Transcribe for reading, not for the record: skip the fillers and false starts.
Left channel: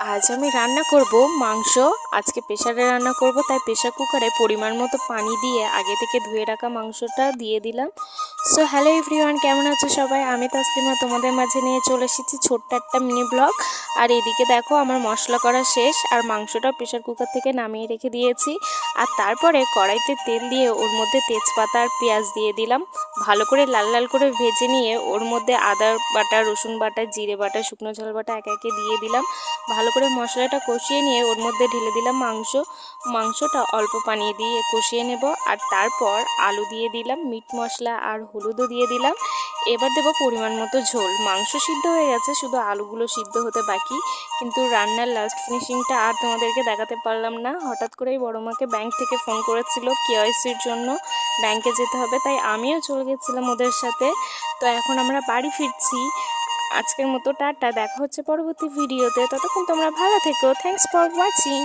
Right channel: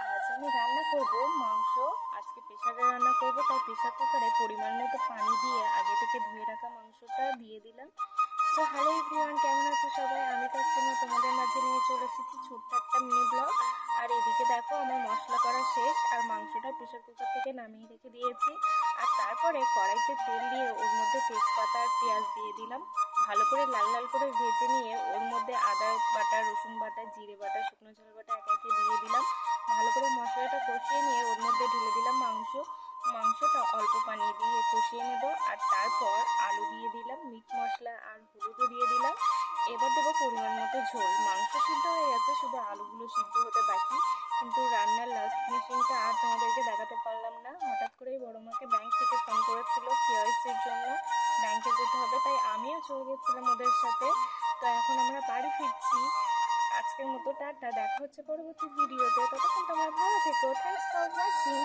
আজ আমি রান্না করব মাংস। আজকে প্রেসারে রান্না করব, তাই প্রেসার কুকারে পরিমাণ মতো পানি দিয়ে আগে থেকে ধুয়ে রাখা মাংসটা দিয়ে দিলাম। সো হ্যালো এভরিওয়ান, কেমন আছো সবাই? আমি তাসলিমা তোমাদের মাঝে নিয়ে চলে এসেছি ছোট্ট একটা মিনি ব্লগ। আর এদিকে দেখো আমার মশলা করা শেষ, আর মাংসটা প্রেসার কুকার থেকে নামিয়ে রেখে দিয়েছি। আর তারপরে কড়াইতে তেল দিয়ে ওর মধ্যে তেজপাতা আর পেঁয়াজ দিয়ে দিলাম। ভালো করে লাল লাল করে ভেজে নিয়ে ওর মধ্যে আদা বাটা, রসুন বাটা, জিরে বাটা, শুকনো ঝাল বাটা একে একে দিয়ে দিলাম। ভালো করে মশলাটা কষিয়ে নিয়ে ওর মধ্যে ঢেলে দিলাম মাংসটা অল্প পানি দিয়ে কষিয়ে নেব। আর তারপর আলু দিয়ে দিলাম, মিট মশলা আর হলুদও দিয়ে দিলাম। এবার দেবো পরিমাণ মতো ঝোল। মাংস সিদ্ধ হয়ে গেছে, শুধু আলুগুলো সিদ্ধ হতে বাকি। কিন্তু রান্নার লাস্ট ফিনিশিংটা আর তোমাদেরকে দেখাতে পারলাম না। হঠাৎ করেই বড় মাকে ব্যাংক থেকে ফোন করেছিল কেওয়াইসির জন্য, ব্যাংকে যেতে হবে, তাই আমিও চলে গেছিলাম ওদের সাথে। তো এখন আমরা বাড়ি ফিরছি। আজকের মতো টাটা, দেখা হচ্ছে পরবর্তী ভিডিওতে। ততক্ষণ তোমরা ভালো থেকো। Thanks for watching.